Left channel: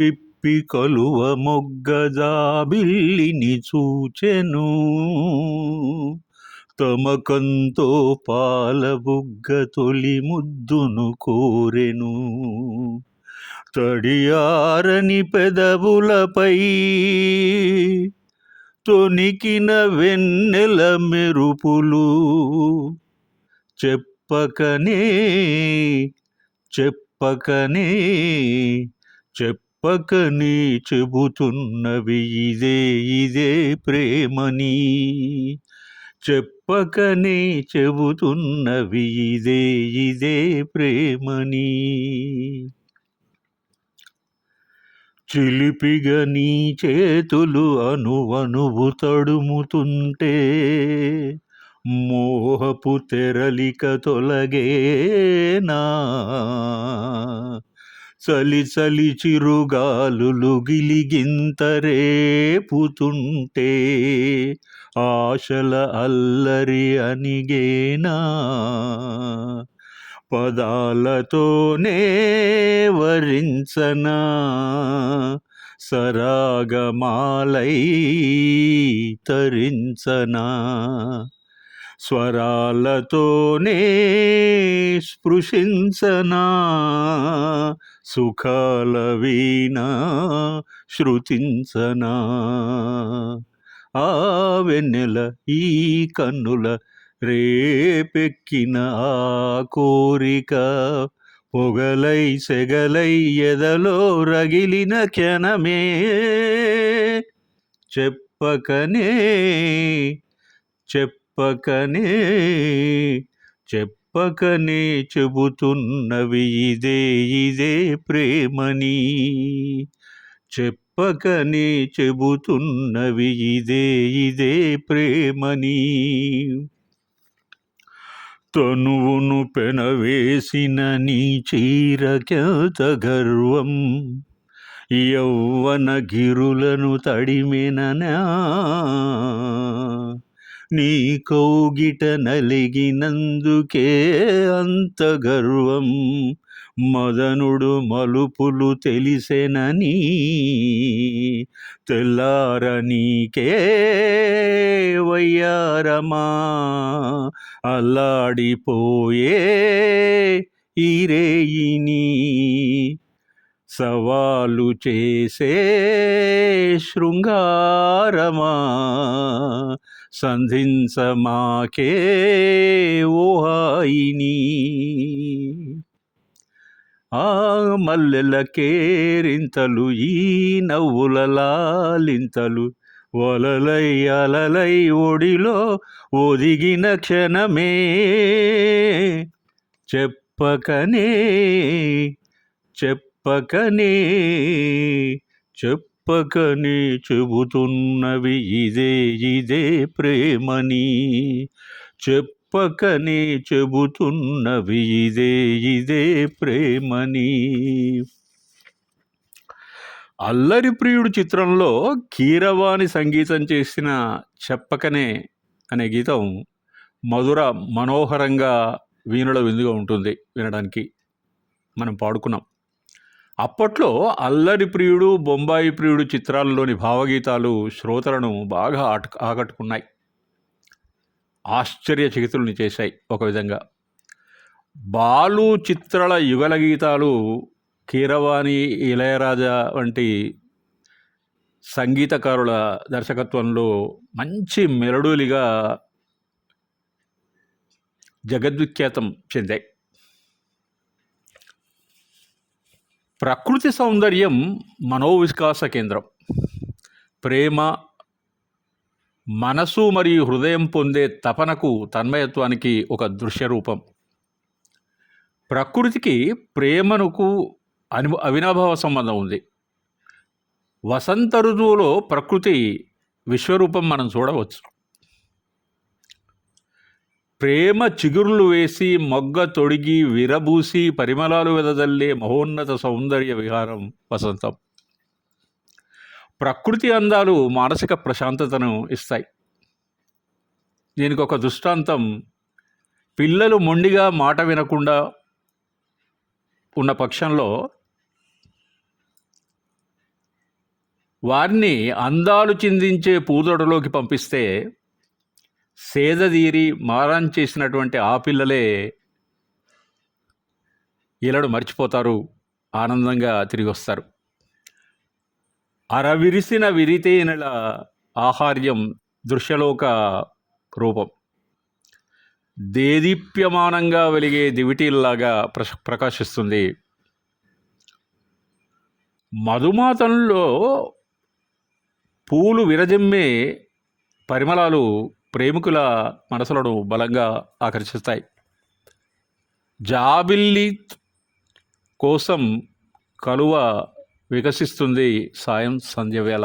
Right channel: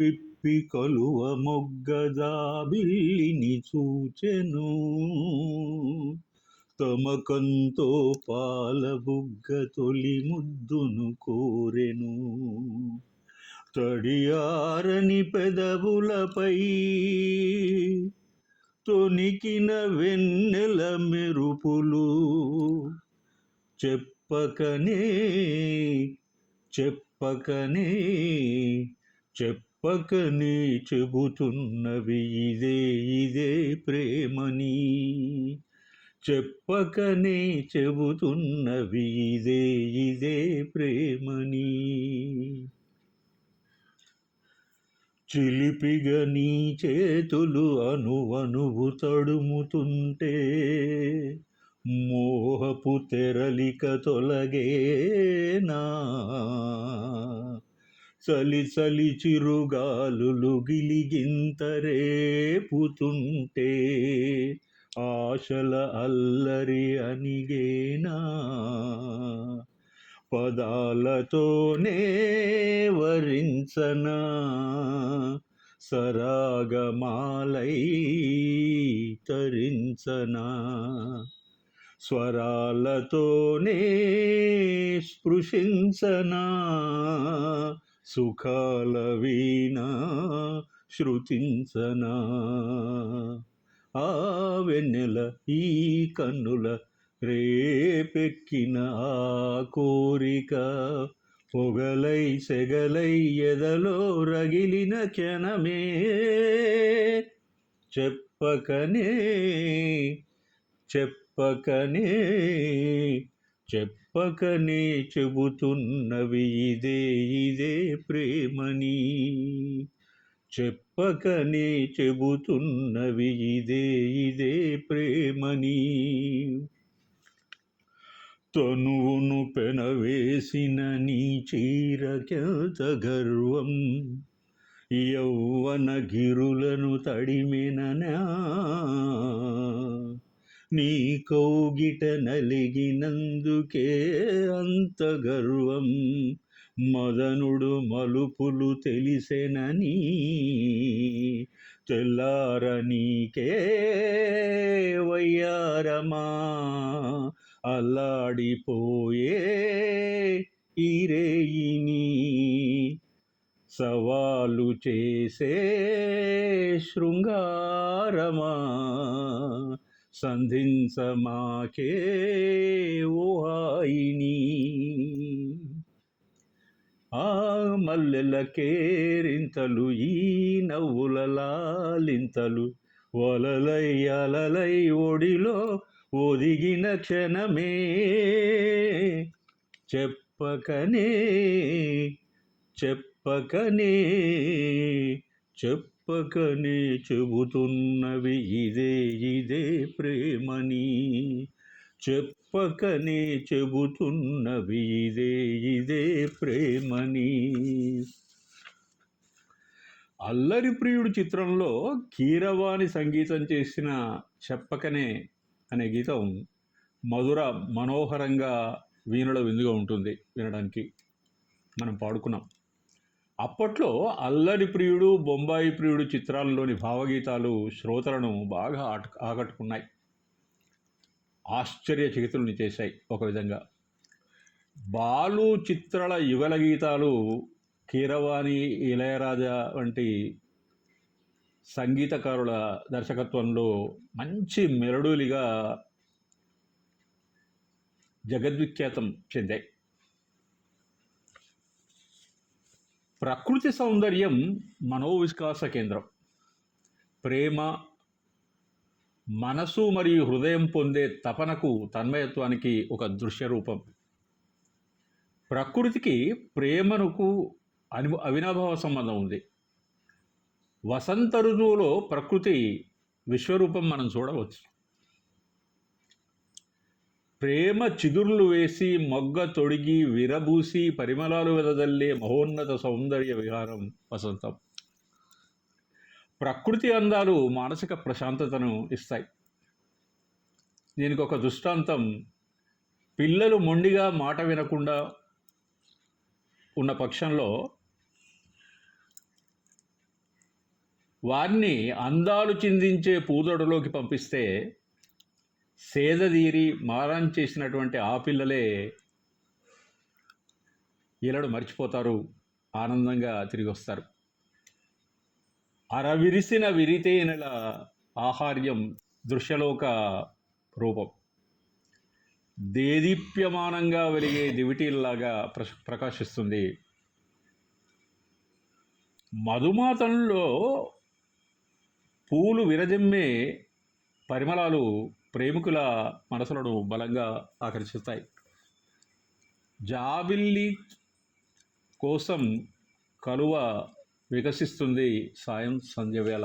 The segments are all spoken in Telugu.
పిప్పి కలువ మొగ్గజాబిల్లిని చూచెను, తమకంతో పాలబుగ్గ తొలి ముద్దును కోరెను. తడియారని పెదవులపై తొనికిన వెన్నెల మెరుపులు చెప్పకనే చెప్పకనే చెప్పకనే చెబుతున్నవి ఇదే ఇదే ప్రేమని. చెప్పకనే చెబుతున్నవి ఇదే ఇదే ప్రేమని. చిలిపిగా నీ చేతులు అణువణువు తడుముతుంటే మోహపు తెరలిక తొలగేనా. చలి చలి చిరుగాలులు గిలిగింత రేపుతుంటే ఆశల అల్లరి అనిగేనా. పదాలతోనే వరించనా సరాగమాలై తరించనా. స్వరాలతోనే స్పృశించనా సుఖాల వీణ శృతించనా. ఆ వెన్నెల ఈ కన్నుల రేపెక్కిన ఆ కోరిక పొగలై సెగలై ఎదలో రగిలిన క్షణమే. చెప్పకనే చెప్పకనే చెప్పకనే చెబుతున్నవి ఇదే ఇదే ప్రేమని. చెప్పకనే చెబుతున్నవి ఇదే ఇదే ప్రేమని. తనువును పెనవేసిన నీ చీరకెంత గర్వం, యౌవన గిరులను తడిమెననా. నీ కౌగిట నలిగినందుకే అంత గర్వం, మదనుడు మలుపులు తెలిసెనని. తెల్లార నీకే వయ్యారమా అల్లాడిపోయే ఈ రేయిని. సవాలు చేసే శృంగారమా సంధించమాకే ఓ హాయిని. ఆ మల్లెల కేరింతలు ఈ నవ్వుల లాలింతలు వలలై అలలై ఒడిలో ఒదిగిన క్షణమే. చెప్పకనే చెప్పకనే చెప్పకనే చెబుతున్నవి ఇదే ఇదే ప్రేమని. చెప్పకనే చెబుతున్నవి ఇదే ఇదే ప్రేమని. అల్లరి ప్రియుడు చిత్రంలో కీరవాణి సంగీతం చేసిన చెప్పకనే అనే గీతం మధుర మనోహరంగా వీణుల విందుగా ఉంటుంది. వినడానికి మనం పాడుకున్నాం. అప్పట్లో అల్లరి ప్రియుడు, బొంబాయి ప్రియుడు చిత్రాల్లోని భావగీతాలు శ్రోతలను బాగా ఆకట్టుకున్నాయి, ఆశ్చర్యచకితుల్ని చేశాయి. ఒక విధంగా బాలు చిత్రాల యుగల గీతాలు కీరవాణి, ఇళయరాజా వంటి సంగీతకారుల దర్శకత్వంలో మంచి మెలడీలుగా జగద్విఖ్యాతం చెందాయి. ప్రకృతి సౌందర్యం మనోవికాస కేంద్రం. ప్రేమ, మనసు మరియు హృదయం పొందే తపనకు, తన్మయత్వానికి ఒక దృశ్య రూపం. ప్రకృతికి ప్రేమకు అవినాభావ సంబంధం ఉంది. వసంత ఋతువులో ప్రకృతి విశ్వరూపం మనం చూడవచ్చు. ప్రేమ చిగురులు వేసి మొగ్గ తొడిగి విరబూసి పరిమళాలు వెదజల్లే మహోన్నత సౌందర్య విహారం వసంతం. ప్రకృతి అందాలు మానసిక ప్రశాంతతను ఇస్తాయి. దీనికి ఒక దృష్టాంతం, పిల్లలు మొండిగా మాట వినకుండా ఉన్న పక్షంలో వారిని అందాలు చిందించే పూదొడలోకి పంపిస్తే సేదదీరి మారం చేసినటువంటి ఆ పిల్లలే ఈలడు మర్చిపోతారు, ఆనందంగా తిరిగి వస్తారు. అరవిరిసిన విరితేనెల ఆహార్యం దృశ్యలోక రూపం. దేదీప్యమానంగా వెలిగే దివిటీల్లాగా ప్రకాశిస్తుంది. మధుమాతంలో పూలు విరజిమ్మే పరిమళాలు ప్రేమికుల మనసులను బలంగా ఆకర్షిస్తాయి. జాబిల్లి కోసం కలువ వికసిస్తుంది సాయం సంధ్య వేళ.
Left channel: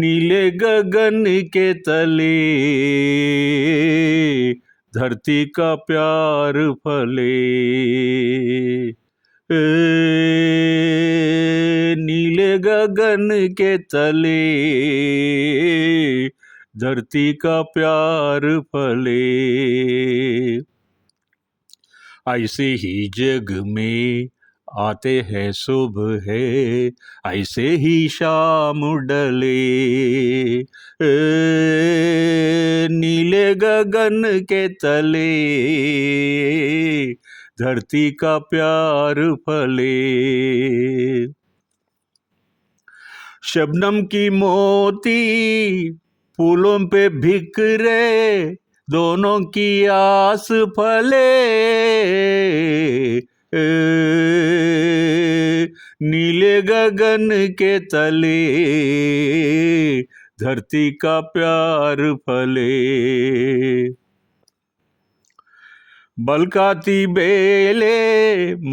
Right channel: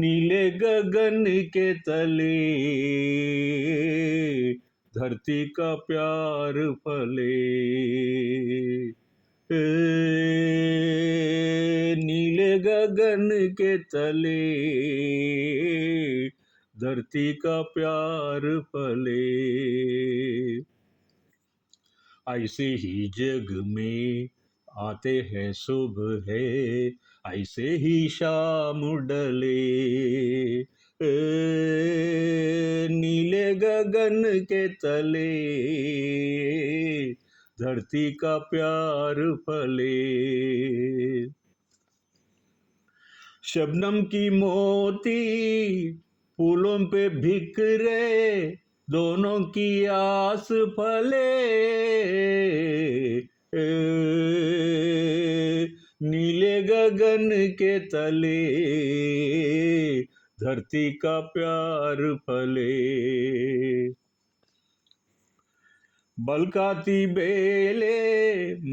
नीले गगन के तले धरती का प्यार फले, नीले गगन के तले धरती का प्यार फले, ऐसे ही जग में आते हैं सुबह है, ऐसे ही शाम डले, नीले गगन के तले धरती का प्यार फले, शबनम की मोती फूलों पे बिखरे, दोनों की आस फले, नीले गगन के तले धरती का प्यार फले, बलकाती बेले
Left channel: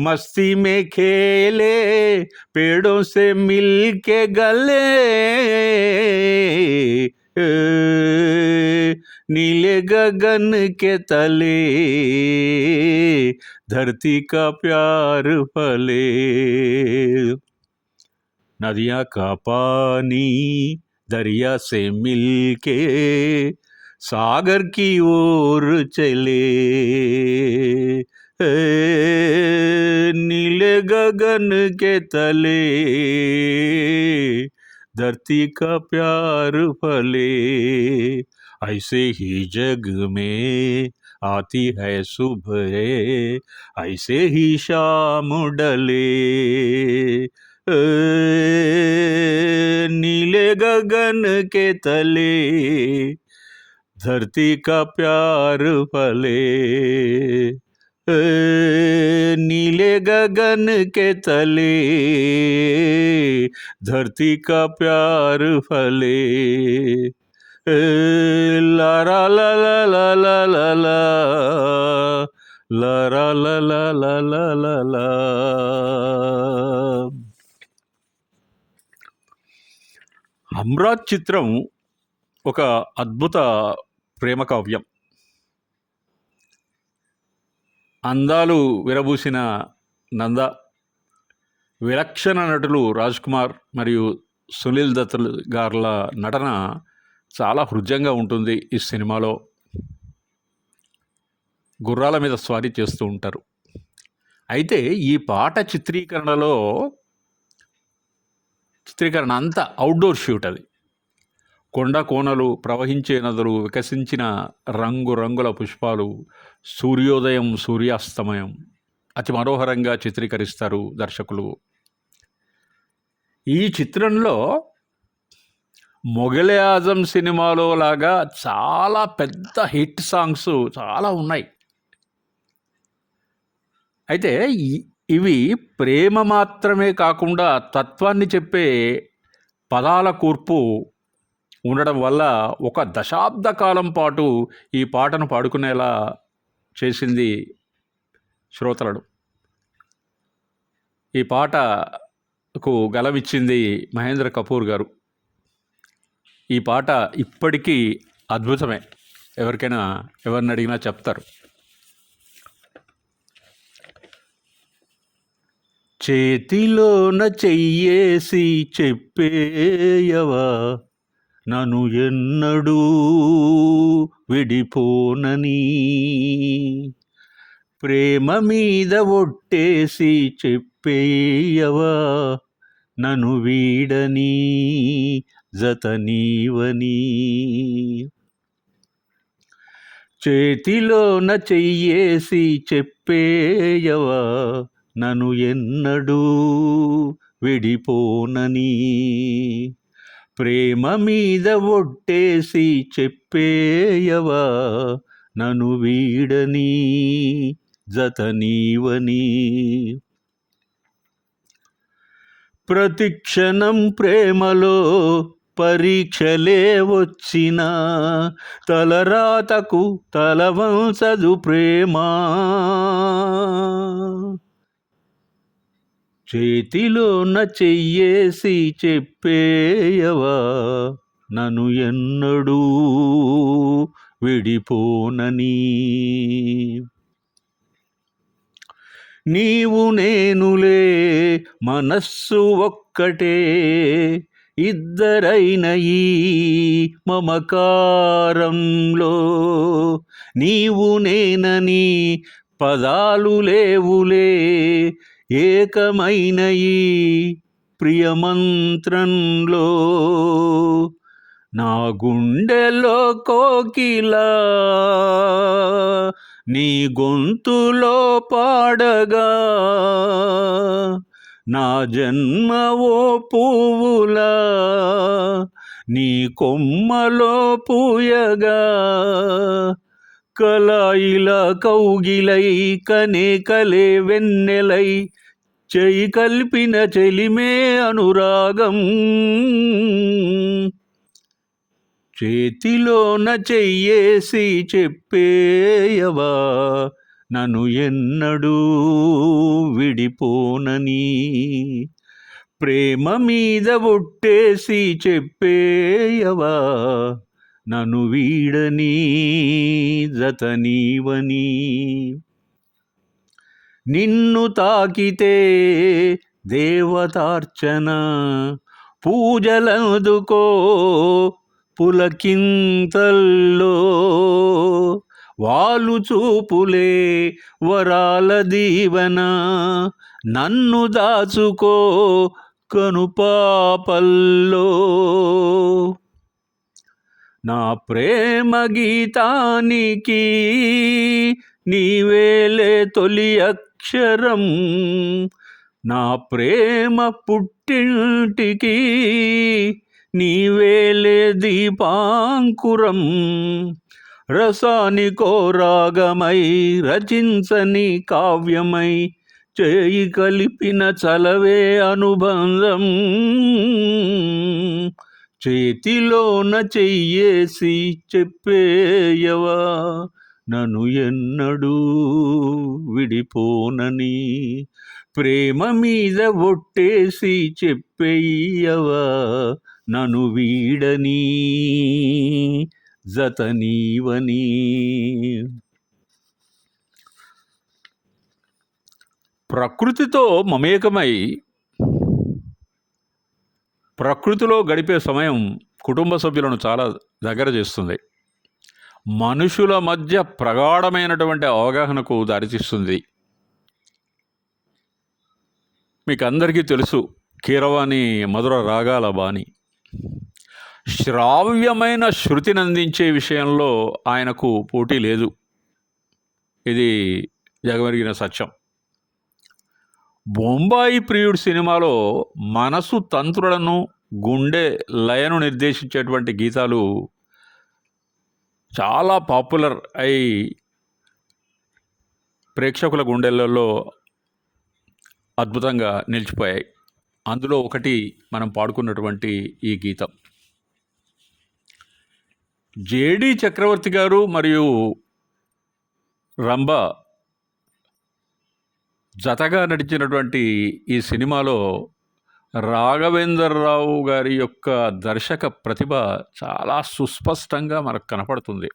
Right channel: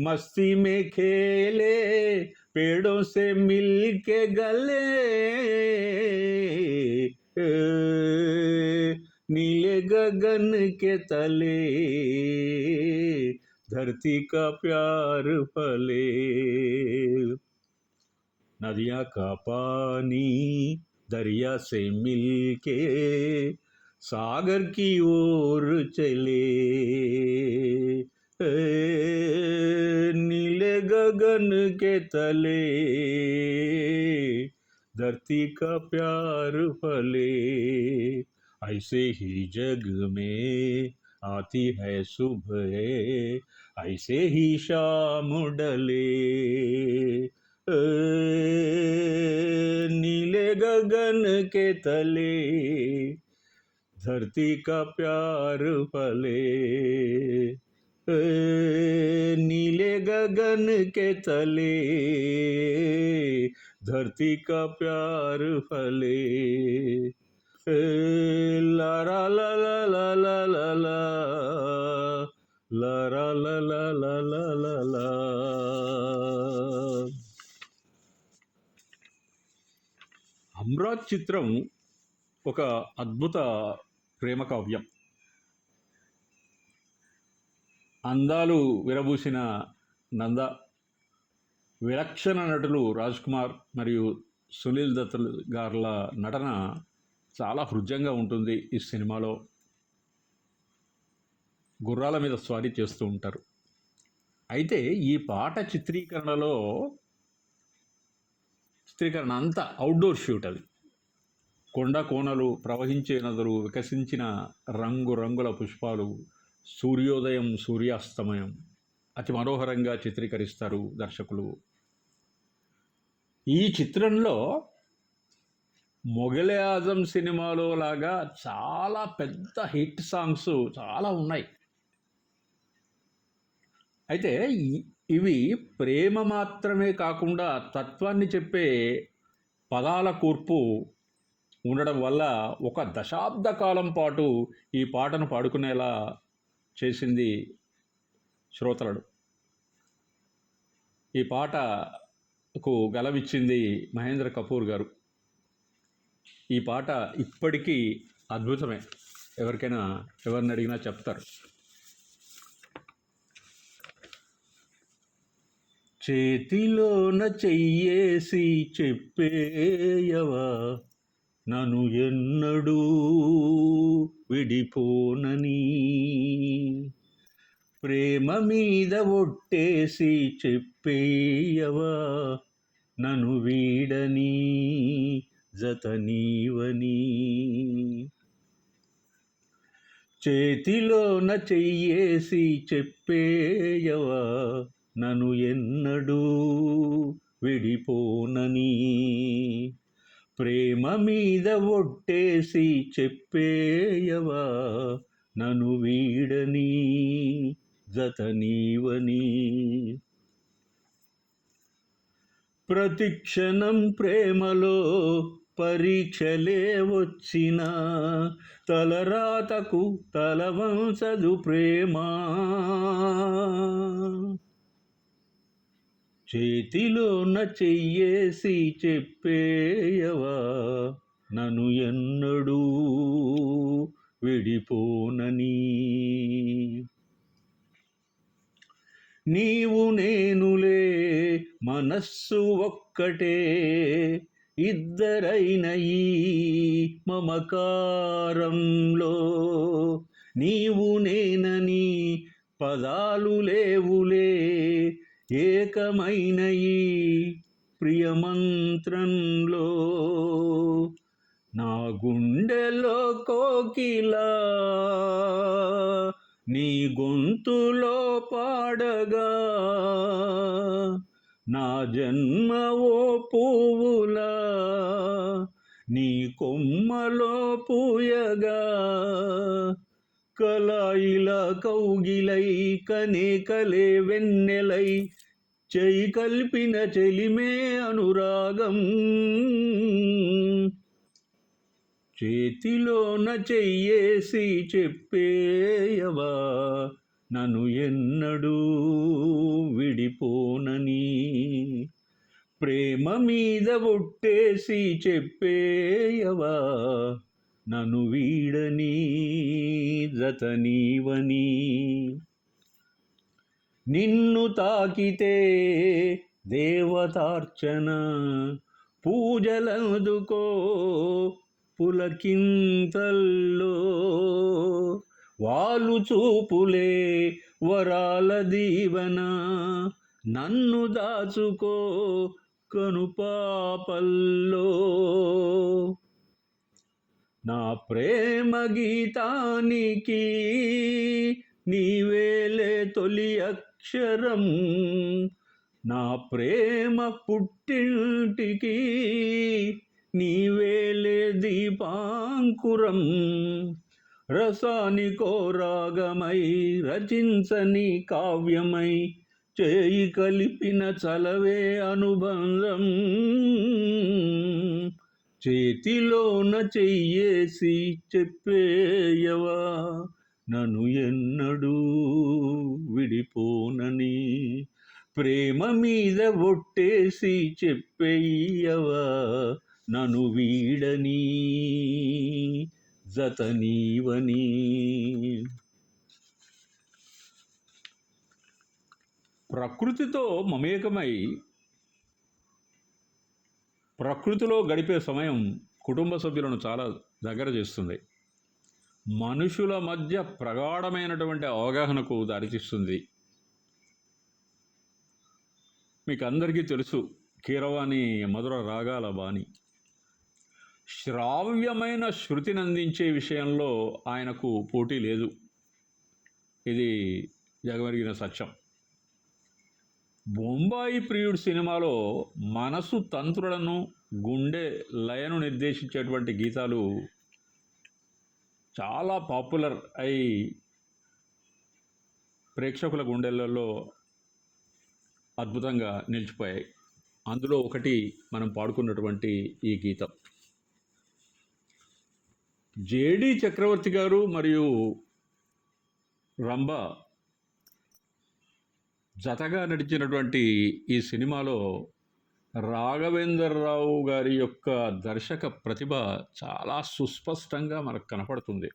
मस्ती में खेले, पेड़ों से मिल के गले, नीले गगन के तले धरती का प्यार फले, नदियाँ का पानी दरिया से मिलके सागर की ओर चले, नीले गगन के तले धरती का प्यार फले, ऐसे ही जग में आती है सुबह, ऐसे ही शाम डले, नीले गगन के तले धरती का प्यार फले, नीले गगन के तले धरती का प्यार फले, ला ला ला ला ला ला ला ला ला ला ला ला లా లా లా. అమ్రాత్ చిత్రం ఒక అద్భుత ప్రేమ కావ్యం. అందాలు విరబూసిన నంద, విలక్షణ నటులు రాజ్ కుమార్ మరియు సునీల్ దత్ గార్ల నటన చాలా హృద్యంగా ఉంటుంది. ఈ సినిమాలో గుర్రాల మీద స్వారీ చేస్తూ ఉంటారు. అయితే ఈ పాట చిత్రీకరణ అంతా అవుట్డోర్ షూట్. అది కొండ కోనలు, ప్రవహించే నదులు, వికసించిన రంగురంగుల పుష్పాలు, సూర్యోదయం, సూర్యాస్తమయం అతి మనోహరంగా చిత్రీకరిస్తారు దర్శకులు. ఈ చిత్రంలో మొఘలే ఆజం సినిమాలో లాగా చాలా పెద్ద హిట్ సాంగ్స్ చాలా ఉన్నాయి. అయితే ఇవి ప్రేమ మాత్రమే కాకుండా తత్వాన్ని చెప్పే పదాల కూర్పు ఉండడం వల్ల ఒక దశాబ్ద కాలం పాటు ఈ పాటను పాడుకునేలా చేసింది శ్రోతలను. ఈ పాటకు గలమిచ్చింది మహేంద్ర కపూర్ గారు. ఈ పాట ఇప్పటికీ అద్భుతమే, ఎవరిని అడిగినా చెప్తారు. చేతిలోన చెయ్యేసి చెప్పేయవా, నన్ను ఎన్నడూ విడిపోనని, ప్రేమ మీద ఒట్టేసి చెప్పేయవా నన్ను వీడని జత నీవని. చేతిలోన చెయ్యేసి చెప్పేయవా నన్ను ఎన్నడూ విడిపోనని. ప్రేమ మీద ఒట్టేసి చెప్పేయవా నన్ను వీడని జత నీవని. ప్రతిక్షణం ప్రేమలో పరీక్షలే వచ్చినా తలరాతకు తలవంచదు ప్రేమ. చేతిలోన చెయ్యేసి చెప్పేయవా నన్ను ఎన్నడూ విడిపోనని. నీవు నేనులే మనస్సు ఒక్కటే, ఇద్దరైన ఈ మమకారంలో. నీవు నేనని పదాలు లేవులే, ఏకమైన ఈ ప్రియమంత్రంలో. నా గుండెలో కోకిలా నీ గొంతులో పాడగా, నా జన్మ ఓ పువ్వులా నీ కొమ్మలో పూయగా. కలాయిల కౌగిలై కనే కలే వెన్నెలై, చేయి కల్పిన చెలిమే అనురాగం. చేతిలోన చెయ్యేసి చెప్పేయవా నన్ను ఎన్నడూ విడిపోనని. ప్రేమ మీద ఒట్టేసి చెప్పేయవా నన్ను వీడని జత నీవని. నిన్ను తాకితే దేవతార్చన, పూజలందుకో పులకింతల్లో. వాళ్ళు చూపులే వరాల దీవెన, నన్ను దాచుకో కనుపాపల్లో. నా ప్రేమ గీతానికి నీవేలే తొలి అక్షరం. నా ప్రేమ పుట్టింటికి నీవేలే దీపాంకురం. రసానికో రాగమై రచించని కావ్యమై, చేయి కలిపిన చలవే అనుబంధం. చేతిలోన చెయ్యేసి చెప్పేయవా నన్ను ఎన్నడూ విడిపోనని. ప్రేమ మీద ఒట్టేసి చెప్పేయవా నన్ను వీడని జత నీవని. ప్రకృతితో మమేకమై ప్రకృతిలో గడిపే సమయం కుటుంబ సభ్యులను చాలా దగ్గర చేస్తుంది. మనుషుల మధ్య ప్రగాఢమైనటువంటి అవగాహనకు దారితీస్తుంది. మీకు అందరికీ తెలుసు, కీరవాణి మధుర రాగాల బాణి. శ్రావ్యమైన శృతిని అందించే విషయంలో ఆయనకు పోటీ లేదు. ఇది జగమెరిగిన సత్యం. బొంబాయి ప్రియుడు సినిమాలో మనసు తంత్రులను, గుండె లయను నిర్దేశించేటువంటి గీతాలు చాలా పాపులర్ అయి ప్రేక్షకుల గుండెలలో అద్భుతంగా నిలిచిపోయాయి. అందులో ఒకటి మనం పాడుకున్నటువంటి ఈ గీతం. జేడి చక్రవర్తి గారు మరియు రంభ జతగా నడిచినటువంటి ఈ సినిమాలో రాఘవేంద్రరావు గారి యొక్క దర్శక ప్రతిభ చాలా సుస్పష్టంగా మనకు కనపడుతుంది.